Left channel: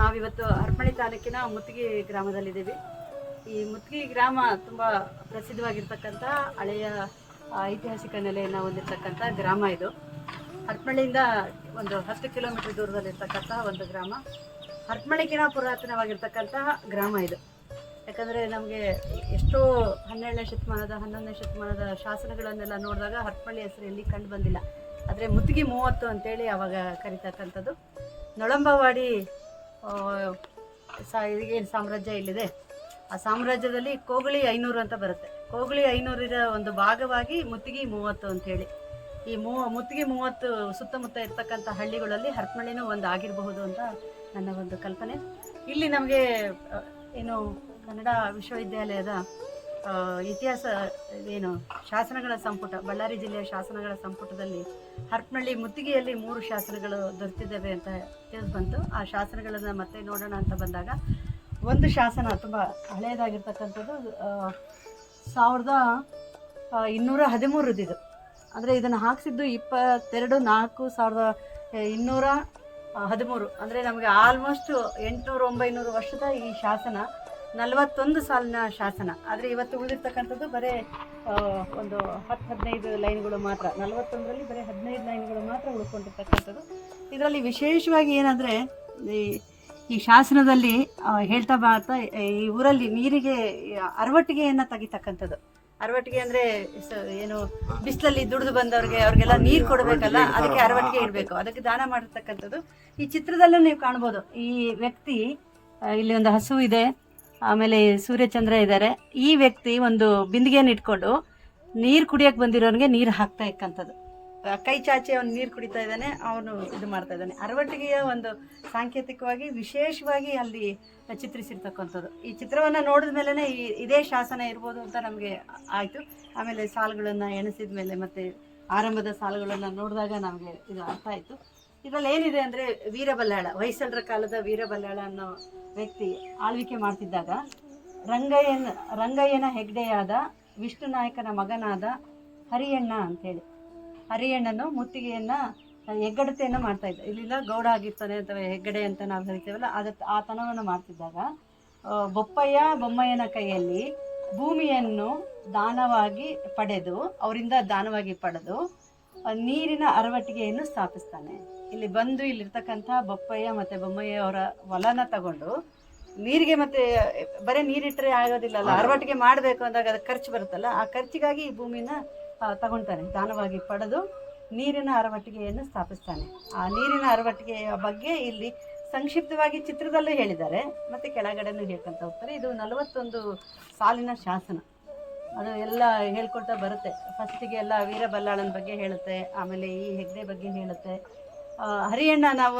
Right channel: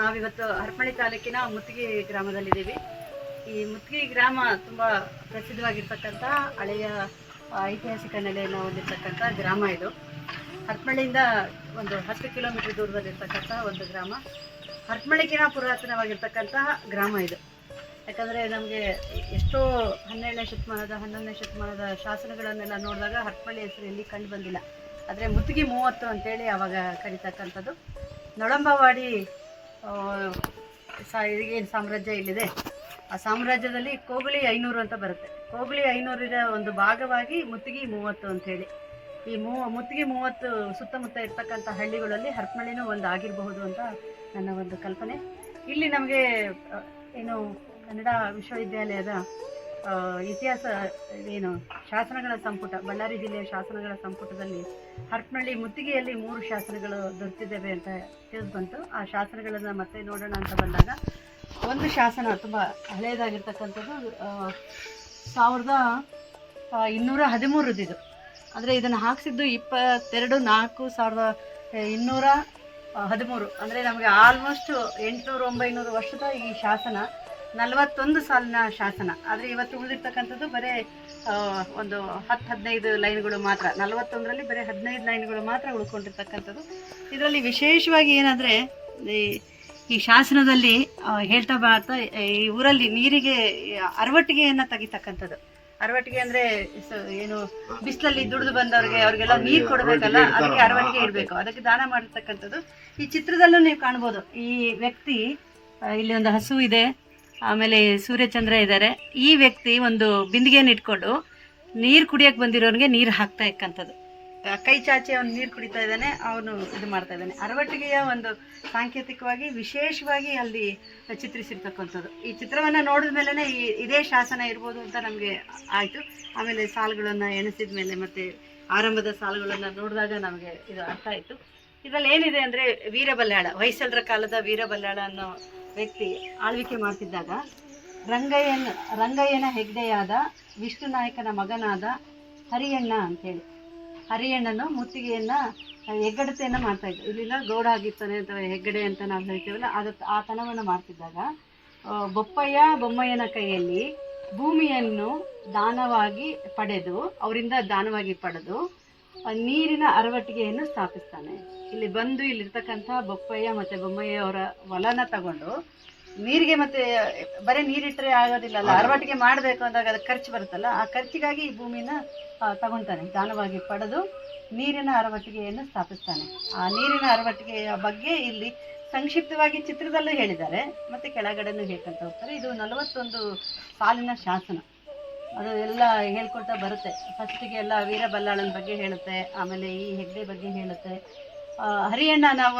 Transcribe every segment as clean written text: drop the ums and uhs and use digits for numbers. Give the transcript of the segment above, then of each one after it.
ನಾವಿವತ್ತು ಹರಪನಹಳ್ಳಿ ತಾಲೂಕಿನ ಮುತ್ತಿಗೆ ಗ್ರಾಮದಲ್ಲಿದ್ದೀವಿ. ಈ ಮುತ್ತಿಗೆ ಗ್ರಾಮ ತುಂಬ ಪ್ರಸಿದ್ಧವಾಗಿರ್ತಕ್ಕಂಥ ಹಳೆಯ ಐತಿಹಾಸಿಕ ನೆಲೆಯನ್ನು ಹೊಂದಿರತಕ್ಕಂಥ ಗ್ರಾಮ ಇದು. ಹರಪನಹಳ್ಳಿಯಿಂದ ಒಂದು 10 ಕಿಲೋಮೀಟರ್ ದೂರದಲ್ಲಿರ್ತಕ್ಕಂಥ ಒಂದು ಗ್ರಾಮ. ಹರಪನಹಳ್ಳಿಗಿನ ಪುರಾತನವಾಗಿರ್ತಕ್ಕಂತಹ ಗ್ರಾಮ ಇದು. ಯಾಕಂದರೆ ನಮಗೆ ಎಷ್ಟೋ 12ನೇ ಶತಮಾನದ 11ನೇ ಶತಮಾನದ ಶಾಸನಗಳನ್ನೆಲ್ಲ ನೋಡಿದಾಗ ಹರಪನಹಳ್ಳಿ ಹೆಸರು ಎಲ್ಲಿ ಕಂಡು ಬಂದಿಲ್ಲ. ಆದರೆ ಮುತ್ತಿಗೆ 30 ಅಂತೇಳಿ ಆವಾಗ ಕರೀತಕ್ಕಂಥದ್ದು. ನೊಳಂಬವಾಡಿ ಏನು ಸಾಮ್ರಾಜ್ಯ ಇಲ್ಲಿದೆ, ಆ ಸಾಮ್ರಾಜ್ಯದಲ್ಲಿ ಕೋಗಳಿ 500 ಅಂತ ಬರುತ್ತೆ. ಕೋಗಳಿ 500ರ ಒಂದು ಭಾಗವಾಗಿ ಮುತ್ತಿಗೆ 30 ಅಂಥೇಳಿ. ಈ ಮುತ್ತಿಗೆ 30 ಸುತ್ತಮುತ್ತ ಇರ್ತಕ್ಕಂಥ ಹಳ್ಳಿಗಳಲ್ಲಿ ಹರಪನಹಳ್ಳಿನೂ ಒಂದು ಆಗಿರಬಹುದು ಅಂತ ನನ್ನ ಒಂದು ಕಲ್ಪನೆ. ಇಲ್ಲಿ ನಮಗೆ ಏನು ಕನ್ನಡ ವಿಶ್ವವಿದ್ಯಾಲಯದ ಇತಿಹಾಸ ಏನು ಶಾಸನಗಳ ಸಂಪುಟ, ಬಳ್ಳಾರಿ ಜಿಲ್ಲೆಯ ಶಾಸನಗಳ ಸಂಪುಟದಲ್ಲಿ ಹರಪನಹಳ್ಳಿ ಮುತ್ತಿಗೆಯಲ್ಲಿ 3 ಶಾಸನಗಳು ದೊರೆತಿದ್ದಾವೆ ಅಂತ ತಿಳಿದು ಬಂತು. ಆ ಶಾಸನಗಳನ್ನು ಮತ್ತೆ ನೋಡೋಣ ಅಂತ ಬಂದಾಗ ಒಂದು ಶಾಸನ ತುಂಬ ಹಳೆಯದಾಗಿರ್ತಕ್ಕಂಥದ್ದು 1213 ಇದು. ಅಂದರೆ ಇದನ್ನು ಹಾಕಿಸಿದ್ದು 22/4/1213. ಅಂದರೆ ನಮಗೆ ಆಲ್ಮೋಸ್ಟ್ 800-900 ವರ್ಷದ ಈ ಶಾಸನ, 41 ಸಾಲಿನ ಶಾಸನ. ಆದರೆ ಇವತ್ತು ಉಳಿದಿರ್ತಕ್ಕಂಥದ್ದು ಬರೀ ಒಂದು 10-15 ಲೈನ್ಗಳು ಮಾತ್ರ. 41ರಲ್ಲಿ ಬರೀ 15 ಲೈನ್ಗಳು ಮಾತ್ರ ಉಳ್ಕೊಂಡಿರ್ತಕ್ಕಂಥದ್ದು. ಇದರಲ್ಲಿ ವಿಶೇಷವಾಗಿ ಏನಂದರೆ ಈ ಶಾಸನದಲ್ಲಿ ಹೇಳ್ತಾ ಬರ್ತಾ ಈ ಊರಲ್ಲಿ ನೀರಿಗೆ ಅರವಟ್ಟಿಗೆಯನ್ನು ತೆಗಿತಕ್ಕಂಥದ್ದು. ಅರವಟ್ಟಿಗೆ ಅಂದರೆ ಏನು ಬಿಸಿಲಲ್ಲಿ ದುಡಿದು ಬಂದವ್ರಿಗೆ ಅವ್ರಿಗೆಲ್ಲ ನೀರು ಕೊಡಬೇಕಲ್ಲ, ಅದಕ್ಕೆ ಅರವಟ್ಟಿಗೆ ಇಡಬೇಕು, ಅದಕ್ಕೆ ದಾನ ಮಾಡಿರ್ತಕ್ಕಂಥದ್ದು. ಈ ಚಿತ್ರದಲ್ಲೂ ನೀವು ಕಾಣ್ಬೋದು. ಈ ವ್ಯಕ್ತಿ ಇಲ್ಲಿ ಒಂದು ಹಸು ಇದೆ, ಆಮೇಲೆ ಸೂರ್ಯಚಂದ್ರ ಇದ್ದಾರೆ. ಈ ವ್ಯಕ್ತಿ ಒಂದು ಬಿಂದಿಗೆಯನ್ನು ಇಟ್ಕೊಂಡು ನೀರು ಕುಡಿಯೋಕ್ಕೆ ಬಂದಿರೋರಿಗೆ ನೀರು ಹಾಕ್ತಾ ಇಕ್ಕಂಥದ್ದು. ಕೈ ಚಾಚಿ ಅವನು ನೀರು ಕುಡಿತಾ ಇದ್ದಾನೆ, ಅವನು ಇದು ಮಾಡ್ತಾ ಇದ್ದಾನೆ. ಅರವಟ್ಟಿಗೆಯ ಒಂದು ಸಾಂಕೇತಿಕವಾಗಿ ವಿಶೇಷವಾಗಿ ಅಲ್ಲಿ ಚಿತ್ರಿಸಿರ್ತಕ್ಕಂಥದ್ದು. ಈ ಚಿತ್ರವನ್ನು ನೋಡಿದ ಮೇಲೇ ಇದೇ ಶಾಸನ ಇರ್ಬೋದು ಅಂತ ನಮಗೆ ಆಯಿತು. ಆಮೇಲೆ ಸಾಲುಗಳನ್ನು ಎಣಿಸಿದ ಮೇಲೆ ಮತ್ತು ಆರಂಭದ ಸಾಲುಗಳನ್ನು ನೋಡಿದಾಗ ನಮಗೆ ಇದು ಅರ್ಥ ಆಯಿತು. ಇದರಲ್ಲಿ ಏನಿದೆ ಅಂದರೆ ವೀರಬಲ್ಲಾಳ, ಹೊಯ್ಸಳರ ಕಾಲದ ವೀರಬಲ್ಲಾಳ ಅನ್ನೋ ವ್ಯಕ್ತಿ ಆಳ್ವಿಕೆ ಮಾಡ್ತಿದ್ದಾಗ ರಂಗಯ್ಯನ ಹೆಗ್ಡೆಯಾದ ವಿಷ್ಣು ನಾಯಕನ ಮಗನಾದ ಹರಿಯಣ್ಣ ಅಂಥೇಳಿ, ಹರಿಯಣ್ಣನು ಮುತ್ತಿಗೆಯನ್ನು ಹೆಗ್ಗಡತೆಯನ್ನು ಮಾಡ್ತಾಯಿದ್ದ. ಇಲ್ಲಿಂದ ಗೌಡ ಆಗಿರ್ತಾನೆ ಅಂತ ಹೆಗ್ಗಡೆ ಅಂತ ನಾವು ಹೇಳ್ತೀವಲ್ಲ, ಆ ತನವನ್ನು ಮಾಡ್ತಿದ್ದಾಗ ಬೊಮ್ಮಯ್ಯನ ಕೈಯಲ್ಲಿ ಭೂಮಿಯನ್ನು ದಾನವಾಗಿ ಪಡೆದು, ಅವರಿಂದ ದಾನವಾಗಿ ಪಡೆದು ನೀರಿನ ಅರವಟ್ಟಿಗೆಯನ್ನು ಸ್ಥಾಪಿಸ್ತಾನೆ. ಇಲ್ಲಿ ಬಂದು ಇಲ್ಲಿರ್ತಕ್ಕಂಥ ಬೊಪ್ಪಯ್ಯ ಮತ್ತು ಬೊಮ್ಮಯ್ಯ ಅವರ ಹೊಲನ ತಗೊಂಡು ನೀರಿಗೆ, ಮತ್ತು ಬರೀ ನೀರಿಟ್ಟರೆ ಆಗೋದಿಲ್ಲಲ್ಲ, ಅರವಟ್ಟಿಗೆ ಮಾಡಬೇಕು ಅಂದಾಗ ಅದಕ್ಕೆ ಖರ್ಚು ಬರುತ್ತಲ್ಲ, ಆ ಖರ್ಚಿಗಾಗಿ ಈ ಭೂಮಿನ ತಗೊಳ್ತಾನೆ. ದಾನವಾಗಿ ಪಡೆದು ನೀರಿನ ಅರವಟ್ಟಿಗೆಯನ್ನು ಸ್ಥಾಪಿಸ್ತಾನೆ. ಆ ನೀರಿನ ಅರವಟ್ಟಿಗೆಯ ಬಗ್ಗೆ ಇಲ್ಲಿ ಸಂಕ್ಷಿಪ್ತವಾಗಿ ಚಿತ್ರದಲ್ಲೂ ಹೇಳಿದ್ದಾರೆ, ಮತ್ತು ಕೆಳಗಡೆನೂ ಹೇಳ್ಕೊಳ್ತಾ ಹೋಗ್ತಾರೆ. ಇದು 41 ಸಾಲಿನ ಶಾಸನ. ಅದು ಎಲ್ಲ ಹೇಳ್ಕೊಳ್ತಾ ಬರುತ್ತೆ. ಫಸ್ಟಿಗೆ ಎಲ್ಲ ವೀರಬಲ್ಲಾಳನ ಬಗ್ಗೆ ಹೇಳುತ್ತೆ, ಆಮೇಲೆ ಈ ಹೆಗ್ಡೆ ಬಗ್ಗೆ ಹೇಳುತ್ತೆ. ಹರಿಯಣ್ಣ ನಾವು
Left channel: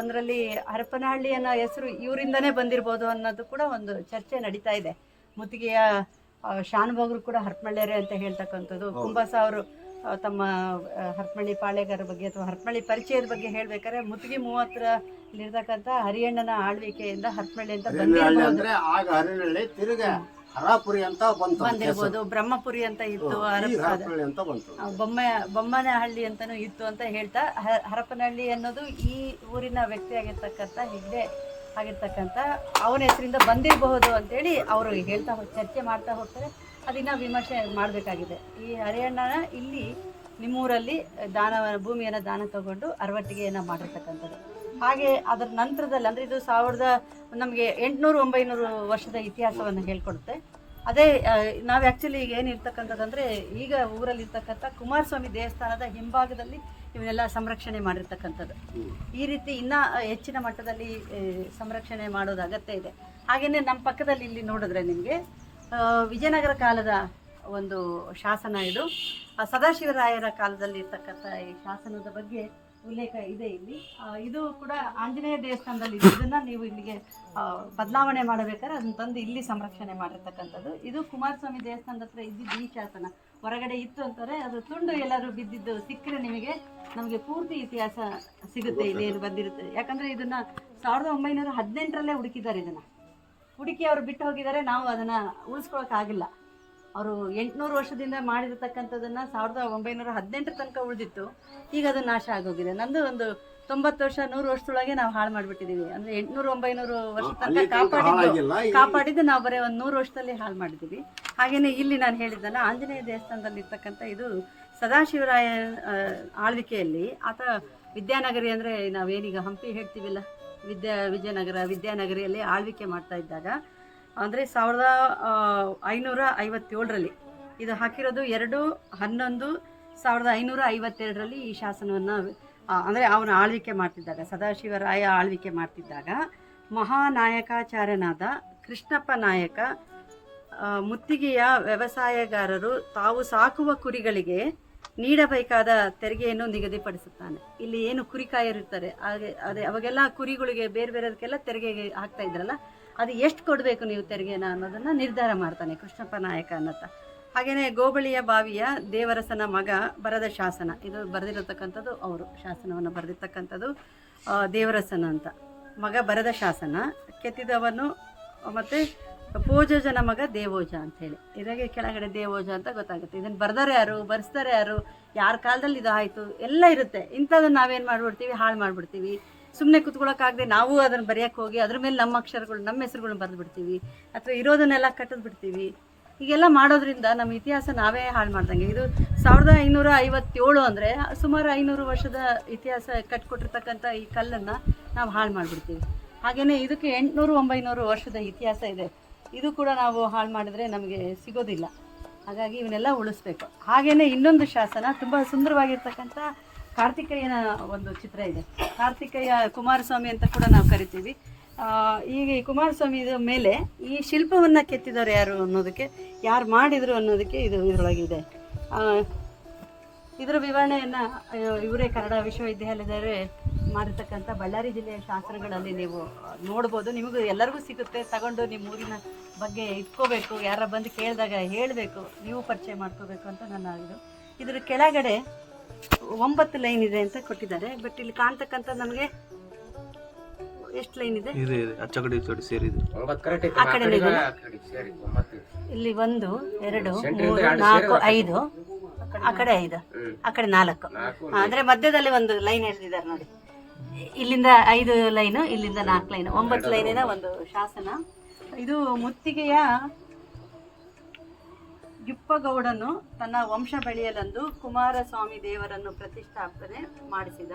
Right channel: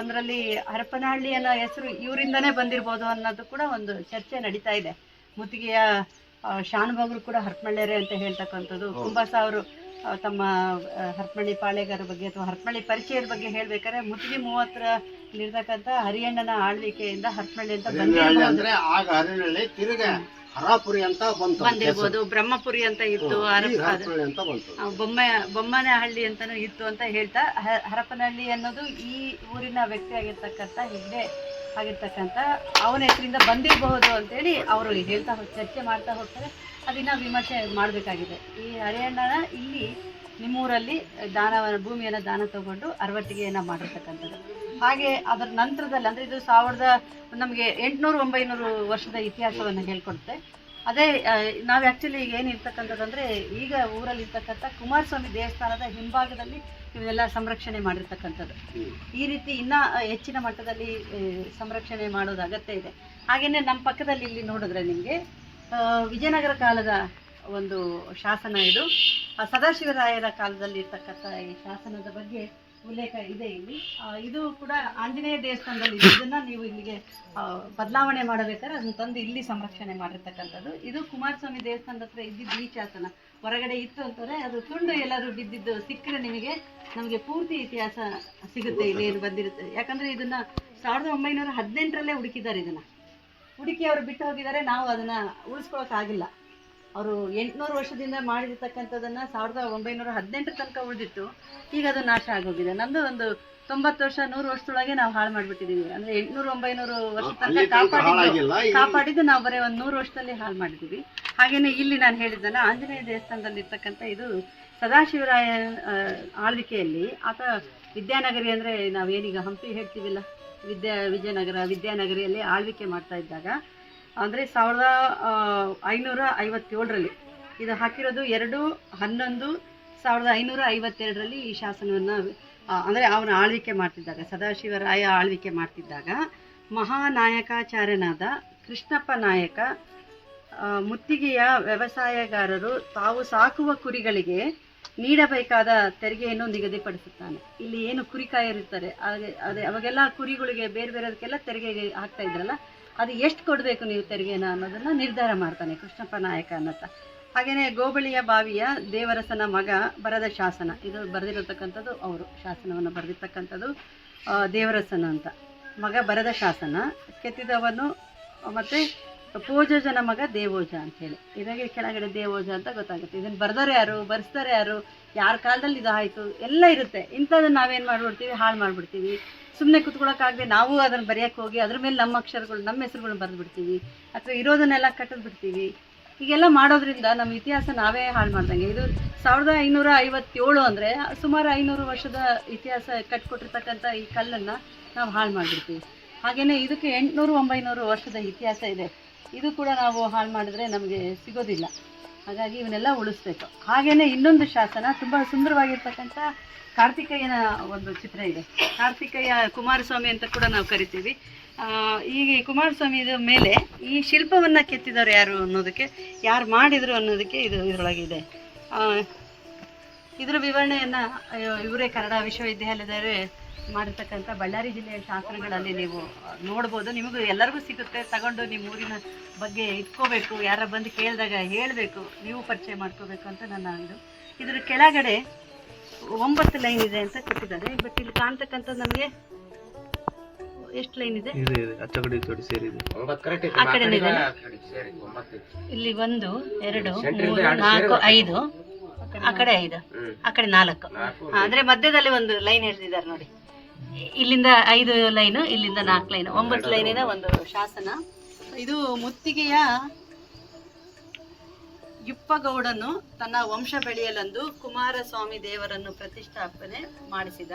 ಒಂದರಲ್ಲಿ ಹರಪನಹಳ್ಳಿ ಅನ್ನೋ ಹೆಸರು ಇವರಿಂದನೇ ಬಂದಿರ್ಬೋದು ಅನ್ನೋದು ಕೂಡ ಒಂದು ಚರ್ಚೆ ನಡೀತಾ ಇದೆ. ಮುತ್ತಿಗೆಯ ಶಾನುಭಾಗರು ಕೂಡ ಹರಪನಹಳ್ಳಿಯರೇ ಅಂತ ಹೇಳ್ತಕ್ಕಂಥದ್ದು. ಕುಂಬಾಸ ಅವರು ತಮ್ಮ ಹರಪನಹಳ್ಳಿ ಪಾಳೆಗಾರ ಬಗ್ಗೆ ಅಥವಾ ಹರಪನಹಳ್ಳಿ ಪರಿಚಯದ ಬಗ್ಗೆ ಹೇಳ್ಬೇಕಾದ್ರೆ ಮುತ್ತಿಗೆ 30ರಲ್ಲಿರ್ತಕ್ಕಂಥ ಹರಿಯಣ್ಣನ ಆಳ್ವಿಕೆಯಿಂದ ಹರಪನಹಳ್ಳಿ ಅಂತ ಬಂದಿರ್ಬೋದು. ಹರಾಪುರಿ ಅಂತ ಬಂದಿರ್ಬೋದು, ಬ್ರಹ್ಮಪುರಿ ಅಂತ ಇತ್ತು, ಬೊಮ್ಮನಹಳ್ಳಿ ಅಂತಾನೂ ಇತ್ತು ಅಂತ ಹೇಳ್ತಾ ಹರಪನಹಳ್ಳಿ ಅನ್ನೋದು ಈ ಊರಿನ ವ್ಯಕ್ತಿ ಆಗಿರ್ತಕ್ಕಂಥ ಹೆಗ್ಡೆ ಆಗಿರ್ತಕ್ಕಂಥ ಅವನ ಹೆಸರಿಂದ ಬಂದಿರಬಹುದು ಅಂತೇಳಿ ಅವರು ಹೇಳ್ತಾ ಚರ್ಚೆ ಮಾಡ್ತಾ ಹೋಗ್ತಾರೆ. ಅದನ್ನ ವಿಮರ್ಶೆ ಮಾಡಬೇಕಾಗಿದೆ. ಈ ಹರಿಯಣ್ಣನ ಇಲ್ಲಿ ನಿಮ್ಮೂರಲ್ಲಿ ಭೂಮಿಯನ್ನು ದಾನ ತಗೊಂಡು ಅರವಟ್ಟಿಗೆಯನ್ನು ಮಾಡಿರ್ತಕ್ಕಂಥದ್ದು. ಹಾಗೆ ಅದರ ನಂತರದಲ್ಲಿ ಅಂದರೆ ಇದು ನಮಗೆ 800-900 ವರ್ಷದ ಇತಿಹಾಸವನ್ನು ಹೇಳ್ಕೊಡುತ್ತೆ. ಅದೇ ನಾವು ಆ್ಯಕ್ಚುಲಿ ಈಗ ಏನಿರ್ತಕ್ಕಂಥದ್ದಂದರೆ, ಈಗ ಊರಲ್ಲಿರ್ತಕ್ಕಂಥ ಕುಮಾರಸ್ವಾಮಿ ದೇವಸ್ಥಾನದ ಹಿಂಭಾಗದಲ್ಲಿ ಇವನ್ನೆಲ್ಲ ಸಂರಕ್ಷಣೆ ಮಾಡಿರ್ತಕ್ಕಂಥದ್ದು. ಈ ರೀತಿ ಇನ್ನೂ ಹೆಚ್ಚಿನ ಮಟ್ಟದಲ್ಲಿ ಸಂರಕ್ಷಣೆ ಮಾಡೋದು ಅಗತ್ಯ ಇದೆ. ಹಾಗೆಯೇ ನಮ್ಮ ಪಕ್ಕದಲ್ಲಿ ಇಲ್ಲಿ ನೋಡಿದ್ರೆ ನಿಮಗೆ ವಿಜಯನಗರ ಕಾಲದ ಒಂದು ಶಾಸನ ಇದು. ಸದಾಶಿವರಾಯರ ಕಾಲದಲ್ಲಿ ಇರ್ತಕ್ಕಂಥ ಈ ಶಾಸನದ ಬಗ್ಗೆ ಉಲ್ಲೇಖ ಇದೆ ಇಲ್ಲಿ. ಇದು ಕೂಡ ಆಂಜನೇಯ ದೇವಸ್ಥಾನದಲ್ಲಿ ಇದನ್ನು ನೀವು ಇಲ್ಲಿಗೆ ಬದಲಾವಣೆ ಮಾಡಬೇಕಾದ್ರೆ ಅದನ್ನು ತಂದು ಇಲ್ಲಿ ಸಂರಕ್ಷಣೆ ಮಾಡಿರ್ತಕ್ಕಂಥದ್ದು. ಇದು ಕುಮಾರಸ್ವಾಮಿ ದೇವಸ್ಥಾನದ ಹತ್ರ ಇದ್ದಿದ್ದು ಈ ಶಾಸನ. ಹೊರಗಡೆ ಇತ್ತು ಅಂತಾರೆ, ಅದು ತುಂಡು ಎಲ್ಲರೂ ಬಿದ್ದಿದ್ದು ಸಿಕ್ಕರೆ ನಮಗೆ ಪೂರ್ತಿ ಇತಿಹಾಸ ಸಿಗುತ್ತೆ, ಇಲ್ಲೇನು ಬಂದಿರುತ್ತೆ. ಯಾಕಂದರೆ ಇದನ್ನು 1918ರಲ್ಲೇ ಹುಡುಕಿದ್ದಾರೆ. ಇದನ್ನು ಹುಡುಕಿ ಅವರು ಬಿಟ್ಟು ಹೋಗಿದ್ದಾರೆ. ನಾವು ಅದನ್ನು ಉಳಿಸ್ಕೊಳ್ಳೋಕ್ಕಾಗಿಲ್ಲ. ಅವರು 800 ವರ್ಷದಿಂದ ಮಾಡಿರ್ತಕ್ಕಂಥದ್ದನ್ನು 1918 ತನಕ ಉಳಿದಿತ್ತು. ಈಗ ಅದು ನಾಶ ಆಗೋಗಿದೆ. ನಮ್ಮದು ಒಂದು 90 ವರ್ಷ 100 ವರ್ಷದೊಳಗೆ ನಾವು ಹಾಳು ಮಾಡಿಬಿಟ್ಟಿದ್ದೀವಿ. ಅಂದರೆ 800-900 ವರ್ಷ ತನಕ ಕಾಪಾಡಿದ್ದು ನಾವು ಬರೀ ಒಂದು 100 ವರ್ಷದಲ್ಲಿ ಹಾಳು ಮಾಡಿದ್ದೀವಿ. ಹಾಗೆಯೇ ಇಲ್ಲಿ ನಾನು ಹೇಳಿದ್ದಲ್ಲ, ಆಂಜನೇಯ ದೇವಸ್ಥಾನದಲ್ಲಿ ಇರ್ತಕ್ಕಂಥ ಇದು ಸದಾಶಿವರಾಯ ಆಳ್ವಿಕೆಯಲ್ಲಿ ಆತ ವಿದ್ಯಾನಗರಿ, ಅಂದರೆ ನಾವೇನೀಗ ಹಂಪಿ ಹೇಳ್ತೀವಿಲ್ಲ, ವಿದ್ಯಾನಗರಿಯಲ್ಲಿ ಆಳ್ವಿಕೆ ಮಾಡ್ತಾ ಇದ್ದಾಗ, ಅಂದರೆ 1557ರಲ್ಲಿ ಇದು ಹಾಕಿರೋದು 2/11/1552ರಲ್ಲಿ ಈ ಶಾಸನವನ್ನು, ಅಂದರೆ ಅವನ ಆಳ್ವಿಕೆ ಮಾಡ್ತಿದ್ದಾಗ, ಸದಾಶಿವರಾಯ ಆಳ್ವಿಕೆ ಮಾಡ್ತಿದ್ದಾಗ ಮಹಾನಾಯಕಾಚಾರ್ಯನಾದ ಕೃಷ್ಣಪ್ಪ ನಾಯಕ ಮುತ್ತಿಗೆಯ ವ್ಯವಸಾಯಗಾರರು ತಾವು ಸಾಕುವ ಕುರಿಗಳಿಗೆ ನೀಡಬೇಕಾದ ತೆರಿಗೆಯನ್ನು ನಿಗದಿಪಡಿಸುತ್ತಾನೆ. ಇಲ್ಲಿ ಏನು ಕುರಿಕಾಯರಿರ್ತಾರೆ ಅವಾಗೆಲ್ಲ ಕುರಿಗಳಿಗೆ ಬೇರೆ ಬೇರೆದಕ್ಕೆಲ್ಲ ತೆರಿಗೆ ಹಾಕ್ತಾ ಇದ್ರಲ್ಲ, ಅದು ಎಷ್ಟು ಕೊಡಬೇಕು ನೀವು ತೆರಿಗೆನ ಅನ್ನೋದನ್ನು ನಿರ್ಧಾರ ಮಾಡ್ತಾನೆ ಕೃಷ್ಣಪ್ಪ ನಾಯಕ ಅನ್ನತ್ತ. ಹಾಗೆಯೇ ಗೋಬಳಿಯ ಬಾವಿಯ ದೇವರಸನ ಮಗ ಬರೆದ ಶಾಸನ, ಇದು ಬರೆದಿರತಕ್ಕಂಥದ್ದು ಅವರು ಶಾಸನವನ್ನು ಬರೆದಿರ್ತಕ್ಕಂಥದ್ದು ದೇವರಸನ ಅಂತ ಮಗ ಬರೆದ ಶಾಸನ. ಕೆತ್ತಿದವನು ಮತ್ತು ಪೋಜೋಜನ ಮಗ ದೇವೋಜ ಅಂಥೇಳಿ, ಇದಕ್ಕೆ ಕೆಳಗಡೆ ದೇವೋಜ ಅಂತ ಗೊತ್ತಾಗುತ್ತೆ. ಇದನ್ನು ಬರ್ದಾರೆ ಯಾರು, ಬರೆಸ್ತಾರೆ ಯಾರು, ಯಾರ ಕಾಲದಲ್ಲಿ ಇದು ಆಯಿತು ಎಲ್ಲ ಇರುತ್ತೆ. ಇಂಥದ್ದನ್ನು ನಾವೇನು ಮಾಡಿಬಿಡ್ತೀವಿ, ಹಾಳು ಮಾಡಿಬಿಡ್ತೀವಿ. ಸುಮ್ಮನೆ ಕುತ್ಕೊಳ್ಳೋಕ್ಕಾಗದೆ ನಾವು ಅದನ್ನು ಬರೆಯೋಕ್ಕೆ ಹೋಗಿ ಅದ್ರ ಮೇಲೆ ನಮ್ಮ ಅಕ್ಷರಗಳು, ನಮ್ಮ ಹೆಸರುಗಳನ್ನ ಬರೆದು ಬಿಡ್ತೀವಿ, ಅಥವಾ ಇರೋದನ್ನೆಲ್ಲ ಕಟ್ಟಿದ್ ಬಿಡ್ತೀವಿ. ಹೀಗೆಲ್ಲ ಮಾಡೋದ್ರಿಂದ ನಮ್ಮ ಇತಿಹಾಸ ನಾವೇ ಹಾಳು ಮಾಡ್ದಂಗೆ. ಇದು 1557 ಅಂದರೆ ಸುಮಾರು 500 ವರ್ಷದ ಇತಿಹಾಸ ಕಟ್ಕೊಟ್ಟಿರ್ತಕ್ಕಂಥ ಈ ಕಲ್ಲನ್ನು ನಾವು ಹಾಳು ಮಾಡಿಬಿಡ್ತೀವಿ. ಹಾಗೆಯೇ ಇದಕ್ಕೆ 800-900 ವರ್ಷದ ಇತಿಹಾಸ ಇದೆ. ಇದು ಕೂಡ ನಾವು ಹಾಳು ಮಾಡಿದ್ರೆ ನಮಗೆ ಸಿಗೋದಿಲ್ಲ. ಹಾಗಾಗಿ ಇವನ್ನೆಲ್ಲ ಉಳಿಸ್ಬೇಕು. ಹಾಗೆಯೇ ಇನ್ನೊಂದು ಶಾಸನ, ತುಂಬ ಸುಂದರವಾಗಿರ್ತಕ್ಕಂಥ ಕಾರ್ತಿಕೇಯನ ಒಂದು ಚಿತ್ರ ಇದೆ. ಕಾರ್ತಿಕೇಯ ಕುಮಾರಸ್ವಾಮಿ ಅಂತ ಕೂಡ ನಾವು ಕರಿತೀವಿ. ಈಗ ಈ ಕುಮಾರಸ್ವಾಮಿಯ ಮೇಲೆ ಈ ಶಿಲ್ಪವನ್ನು ಕೆತ್ತಿದವರು ಯಾರು ಅನ್ನೋದಕ್ಕೆ, ಯಾರು ಮಾಡಿದರು ಅನ್ನೋದಕ್ಕೆ ಇದು ಇದರೊಳಗಿದೆ. ಇದರ ವಿವರಣೆಯನ್ನು ಇವರೇ ಕನ್ನಡ ವಿಶ್ವವಿದ್ಯಾಲಯದವರೇ ಮಾಡಿರ್ತಕ್ಕಂಥ ಬಳ್ಳಾರಿ ಜಿಲ್ಲೆಯ ಶಾಸನಗಳಲ್ಲಿ ನೀವು ನೋಡ್ಬೋದು. ನಿಮಗೂ ಎಲ್ಲರಿಗೂ ಸಿಗುತ್ತೆ, ತಗೊಂಡು ನಿಮ್ಮ ಊರಿನ ಬಗ್ಗೆ ಇಟ್ಕೋಬೇಕು, ಯಾರ ಬಂದು ಕೇಳಿದಾಗ ಹೇಳಬೇಕು, ನೀವು ಪರಿಚಯ ಮಾಡ್ಕೋಬೇಕು ಅಂತ ನನ್ನ ಇದು. ಇದರ ಕೆಳಗಡೆ 9 ಲೈನ್ ಇದೆ ಅಂತ ಕೊಟ್ಟಿದ್ದಾರೆ. ಬಟ್ ಇಲ್ಲಿ ಕಾಣ್ತಕ್ಕಂಥದ್ದು ನಮಗೆ ಎಷ್ಟು ಲೈನ್ ಇದೆ, ಆ ಕಡೆ ಇದೆ. ಇಲ್ಲಿ 1 2 3 4 5, ಆ ಕಡೆ 5, ಆ ಕಡೆ 4, ಅಂದರೆ ಮಧ್ಯದಲ್ಲಿ ಒಂದು ಲೈನ್ ಎಳೆದಿದ್ದಾರೆ ನೋಡಿ. ಇಲ್ಲಿಂದ 5 ಲೈನು, ಇಲ್ಲಿಂದ 4 ಲೈನು, 9 ಲೈನಿನ ಒಂದು ಶಾಸನ. ಇದು ಮುತ್ತಿಗೆಯ ಯುಪ್ಪಗೌಡನು ತನ್ನ ವಂಶ ಬೆಳೆಯಲೆಂದು ಕುಮಾರಸ್ವಾಮಿ ದೇವರನ್ನು ಪ್ರತಿಷ್ಠಾಪನೆ ಮಾಡಿಸಿದ.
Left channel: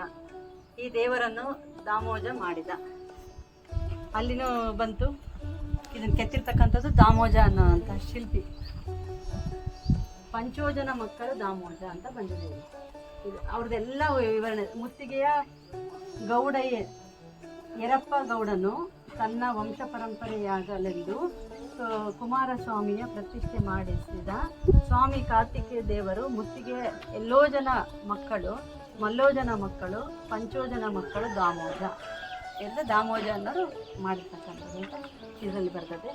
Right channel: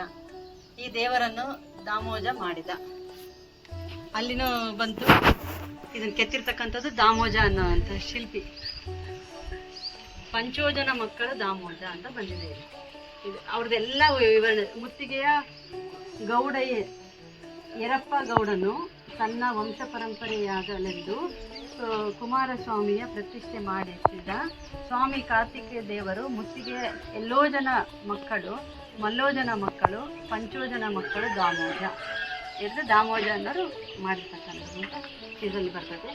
ಈ ದೇವರನ್ನು ದಾಮೋಜ ಮಾಡಿದ. ಅಲ್ಲಿನೂ ಬಂತು. ಇದನ್ನು ಕೆತ್ತಿರ್ತಕ್ಕಂಥದ್ದು ದಾಮೋಜ ಅನ್ನೋಂಥ ಶಿಲ್ಪಿ. ಪಂಚೋಜನ ಮಕ್ಕಳು ದಾಮೋಜ ಅಂತ ಬಂದಿದೆ ಇಲ್ಲಿ. ಇದು ಅವ್ರದ್ದೆಲ್ಲ ವಿವರಣೆ. ಮುತ್ತಿಗೆಯ ಗೌಡಯ್ಯ ಯರಪ್ಪ ಗೌಡನು ತನ್ನ ವಂಶ ಪರಂಪರೆಯಾಗಲೆಂದು ಕುಮಾರಸ್ವಾಮಿಯ ಪ್ರತಿಷ್ಠೆ ಮಾಡಿಸಿದ. ಸ್ವಾಮಿ ಕಾರ್ತಿಕೇಯ ದೇವರು ಮುತ್ತಿಗೆಯ ಎಲ್ಲೋ ಜನ ಮಕ್ಕಳು, ಮಲ್ಲೋಜನ ಮಕ್ಕಳು, ಪಂಚೋಜನ ಮಕ್ಕಳು ದಾಮೋಜ. ಎರಡು ದಾಮೋಜ ಅನ್ನೋರು ಮಾಡಿರ್ತಕ್ಕಂಥದ್ದು ಅಂತ ಇದರಲ್ಲಿ ಬರ್ತದೆ.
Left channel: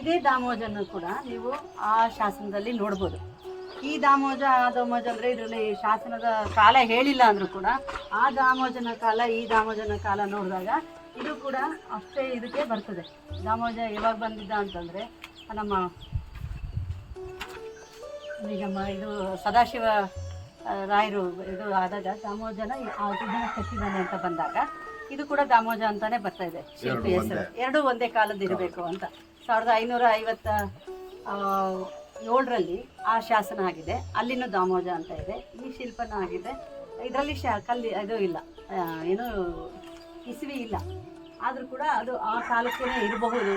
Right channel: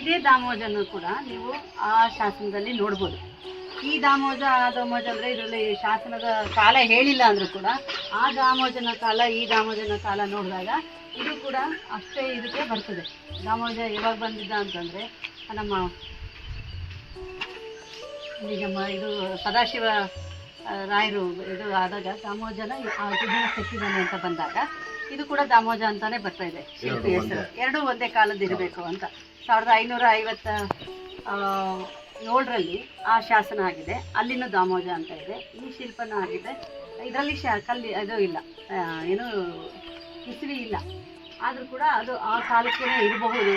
ಇದೇ ದಾಮೋಜನ್ನು ಕೂಡ ನೀವು ಆ ಶಾಸನದಲ್ಲಿ ನೋಡ್ಬೋದು. ಈ ದಾಮೋಜ ಆ ದಾಮೋಜ ಅಂದರೆ ಇದರಲ್ಲಿ ಶಾಸನದ ಕಾಲ ಹೇಳಿಲ್ಲ ಅಂದರೂ ಕೂಡ ಆ ದಾಮೋಜನ ಕಾಲ ಈ ದಾಮೋಜನ ಕಾಲ ನೋಡಿದಾಗ ಇದು ಕೂಡ ಅಷ್ಟೇ ಇದಕ್ಕೆ ಬರ್ತದೆ. ದಾಮೋಜ ಯಾವಾಗ ಬಂದಿದ್ದ ಅಂತಂದರೆ ನಮ್ಮ ಇದು ಸದಾಶಿವ ರಾಯರು ಇದು ಆದಾಗ ದಾಮೋಜನ ಇದನ್ನು ಕೆತ್ತಿದ್ದಾನೆ ಅಂತ ಬಂದಾಗ ಇದು ಕೂಡ ದಾಮೋಜ ಅಂತಾನೆ ಬರ್ತಾ ಇದೆ ಶಿಲ್ಪಿ ಹೆಸರು. ಎರಡೂ ಒಂದೇ ಕಾಲದ್ದು ಇರಬೇಕು ಅಂತ 1557ರಲ್ಲಿ ಆ ಶಾಸನ ಆಗಿದೆ. ಅಲ್ಲಿನೂ ದಾಮೋಜ ಅಂತ ಇದೆ. ಈ ಶಿಲ್ಪನೂ ಆಗಿದೆ. ಇದರಲ್ಲಿ ಕಲ್ಲಿ ಅದು ಇಲ್ಲ, ಏನು ಇಸ್ವಿ ಇಲ್ಲ. ಆದರೂ ಕೂಡ ಅದು ಆ ಕಾಲಕ್ಕೇ ಇರಬಹುದು.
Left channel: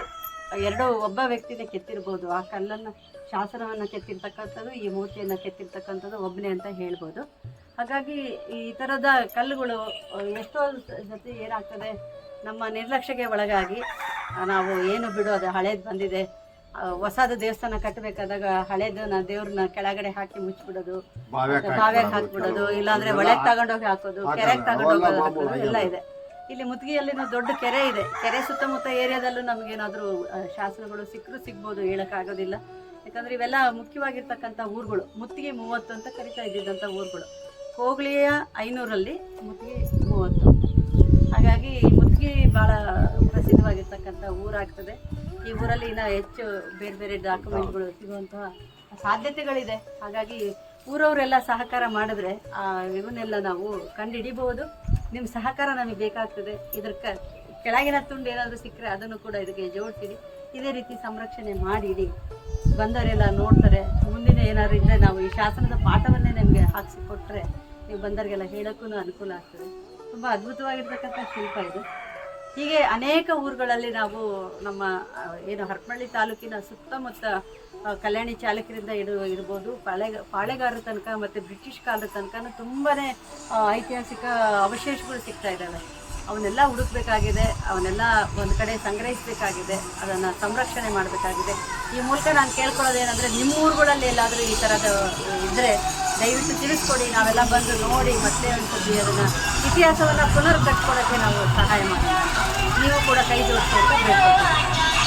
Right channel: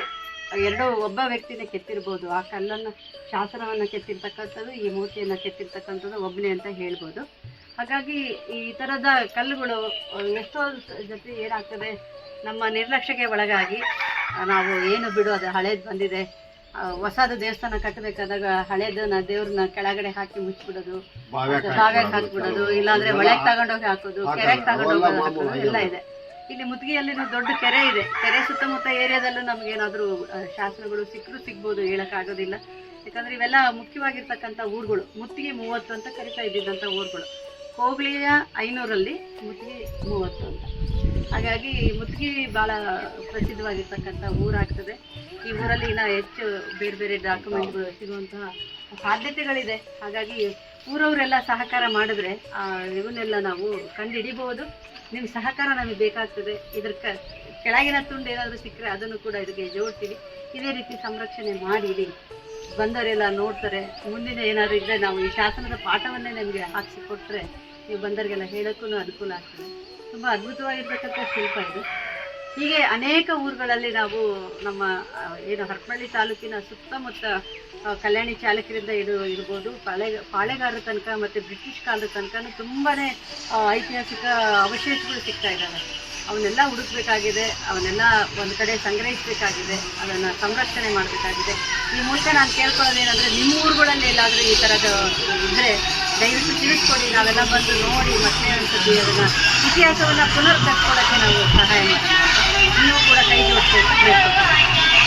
ಒಬ್ಬ ವ್ಯಕ್ತಿನೇ ಕೆತ್ತಿರ್ಬೋದು. ಆ ಕಲ್ಲನ್ನು ಶಾಸನವನ್ನು ಕೆತ್ತಿರ್ತಕ್ಕಂಥದ್ದು, ಈ ಮೂರ್ತಿಯನ್ನು ಕೆತ್ತಿರ್ತಕ್ಕಂಥದ್ದು ಒಬ್ಬನೇ ಅಂತ ಹೇಳ್ಬೋದು. ಹಾಗಾಗಿ ಈ ಥರದ ಕಲ್ಲುಗಳು ಎಷ್ಟೋ ಜೊತೆ ಏನಾಗ್ತದೆ, ನಮ್ಮ ನಿರ್ಲಕ್ಷ್ಯಕ್ಕೆ ಒಳಗಾಗಿ ನಾವು ಏನು ಬಿಡು ಅದು ಹಳೇದು ಬಂದಿದೆ, ಹೊಸದು ದೇವಸ್ಥಾನ ಕಟ್ಟಬೇಕಾದಾಗ ಹಳೇದನ್ನ ದೇವ್ರನ್ನ ಕೆಳಗಡೆ ಹಾಕಿ ಮುಚ್ಚಿಬಿಡೋದು, ಬಾವ್ಯಾಗ ಹಾಕ್ಬಿಡೋದು, ಇಲ್ಲಾಂದರೆ ಒಳಗೆ ತಗೊಂಡೋಗಿ ಹಾಕೋದು, ಕೆರೆಗೆ ತಗೊಂಡೋಗಿ ಹಾಕೋದು ಎಲ್ಲ ಇದೆ. ಇಲ್ಲಿ ಮುತ್ತಿಗೆಯಲ್ಲಿನ ದೊಡ್ಡ ಕೆರೆ ಇದೆ. ಕೆರೆ ಸುತ್ತಮುತ್ತ ಏರಿಯಾದಲ್ಲೂ ನಮಗೇನಾದರೂ ಶಾಸನಗಳು ಸಿಗ್ಬೋದು, ಹೇಳೋಕ್ಕಾಗೋದಿಲ್ಲ. ಯಾಕಂದರೆ ಇವೆಲ್ಲ ಮುಖ್ಯವಾಗಿರ್ತಕ್ಕಂಥ ಊರುಗಳು. ಮುತ್ತಿಗೆ 30 ಅಂತ ಕರಿತಾ ಇದ್ದಿದ್ದಂಥ ಊರುಗಳು. ಹೋಬಳಿಯ 500ರಲ್ಲಿ ಮುತ್ತಿಗೆ 30. ಹಾಗಾಗಿ ಮುತ್ತಿಗೆ ಭಾಳ ಪ್ರಸಿದ್ಧವಾಗಿರ್ತಕ್ಕಂಥ ಊರಾಗ್ತದೆ. ಈ ಊರಲ್ಲಿ ಇನ್ನೂ ಹೆಚ್ಚು ಬೇರೆ ಬೇರೆ ಡಾಕ್ಯುಮೆಂಟ್ಗಳು ಸಿಗುವಂತಹ ಸಾಧ್ಯತೆಗಳಿದೆ. ಹಾಗಾಗಿ ಊರವರೆಲ್ಲ ಸಹಕಾರ ಮಾಡಿದ್ರೆ ಇವನ್ನೆಲ್ಲ ನಾವು ಕಂಡುಹಿಡಿಬೋದು. ನಿಮ್ಮ ಸಹಕಾರ ನಮಗೆ ಬೇಕಾಗ್ತದೆ. ಇದ್ರ ಕೆಳಗಿನ ತುಂಡು ಏನಾದರೂ ಸಿಕ್ಕರೆ ಅದನ್ನು ಕೂಡ ಇದಕ್ಕೆ ಜೋಡ್ತೀವಿ. ಇದೇ ರೀತಿ ಸಂರಕ್ಷಣೆ ಮಾಡಿ ಇಡಿ. ಬಂದವರೆಲ್ಲ ನೋಡ್ತಾರೆ. ಮುಂದಿನ ಏನಾದರೂ ಇದ್ದರೆ ನಾವು ಈ ಶಾಸನದ ಪಾಠವನ್ನೇ ನಮಗೆ ಹಾಕಿಸಿಕೊಟ್ರೆ ನೀವು ಬಂದವರಿಗೆಲ್ಲ ಹೇಳೋಕ್ಕೂ ಅನುಕೂಲ ಆಗ್ತದೆ. ತುಂಬ ಅದ್ಭುತವಾಗಿರ್ತಕ್ಕಂಥ ಶಿಲ್ಪ ಇದು. ಹೀಗೆ ಅನೇಕ ಊರುಗಳಲ್ಲಿ ನಾವು ನಮ್ಮ ಏನು ಹರಪನಹಳ್ಳಿ ತಾಲೂಕಿನ ಸುತ್ತಮುತ್ತ ಕಲ್ಯಾಣಿ ಚಾಲಕರಿಂದ ಇರ್ಬೋದು, ಪಾಳೆಗಾರರ ತನಕ ಮತ್ತು ಬ್ರಿಟಿಷ್ ಕಾಲದ ತನಕ ತುಂಬಾ ಐತಿಹಾಸಿಕ ಅವಶೇಷಗಳು ಸಿಗ್ತಾ ಇದ್ದಾವೆ. ಅವನ್ನೆಲ್ಲ ಹುಡುಕಬೇಕಾಗಿದೆ, ಅವನ್ನೆಲ್ಲ ಒಂದು ಕಡೆ ಸಂಗ್ರಹಿಸಬೇಕಾಗಿದೆ, ಅದನ್ನು ಸಂರಕ್ಷಣೆ ಮಾಡಬೇಕಾಗಿದೆ. ಈ ಮೂಲಕ ನಾನು ಕೇಳ್ಕೊಳ್ಳೋದೇನೆಂದರೆ, ನಿಮ್ಮ ಊರುಗಳಲ್ಲಿ ಎಲ್ಲಾದರೂ ಈ ಥರದ ಇದ್ದರೆ ದಯವಿಟ್ಟು ತಿಳಿಸ್ಕೊಡಿ. ನಾವೆಲ್ಲ ಬಂದು ನೋಡಿ ಮತ್ತೆ ಅನ್ಸುತ್ತೆ ಅದನ್ನು ಇತಿಹಾಸವನ್ನು ಪುನರ್ ಕಟ್ಕೊಡೋಕ್ಕೆ ನಾವು ಸಹಾಯ ಮಾಡ್ತೀವಿ. ನೀವು ಕೂಡ ಕೈ ಜೋಡಿಸಿ ಅಂತ ಹೇಳ್ಕೊಡ್ತೀವಿ.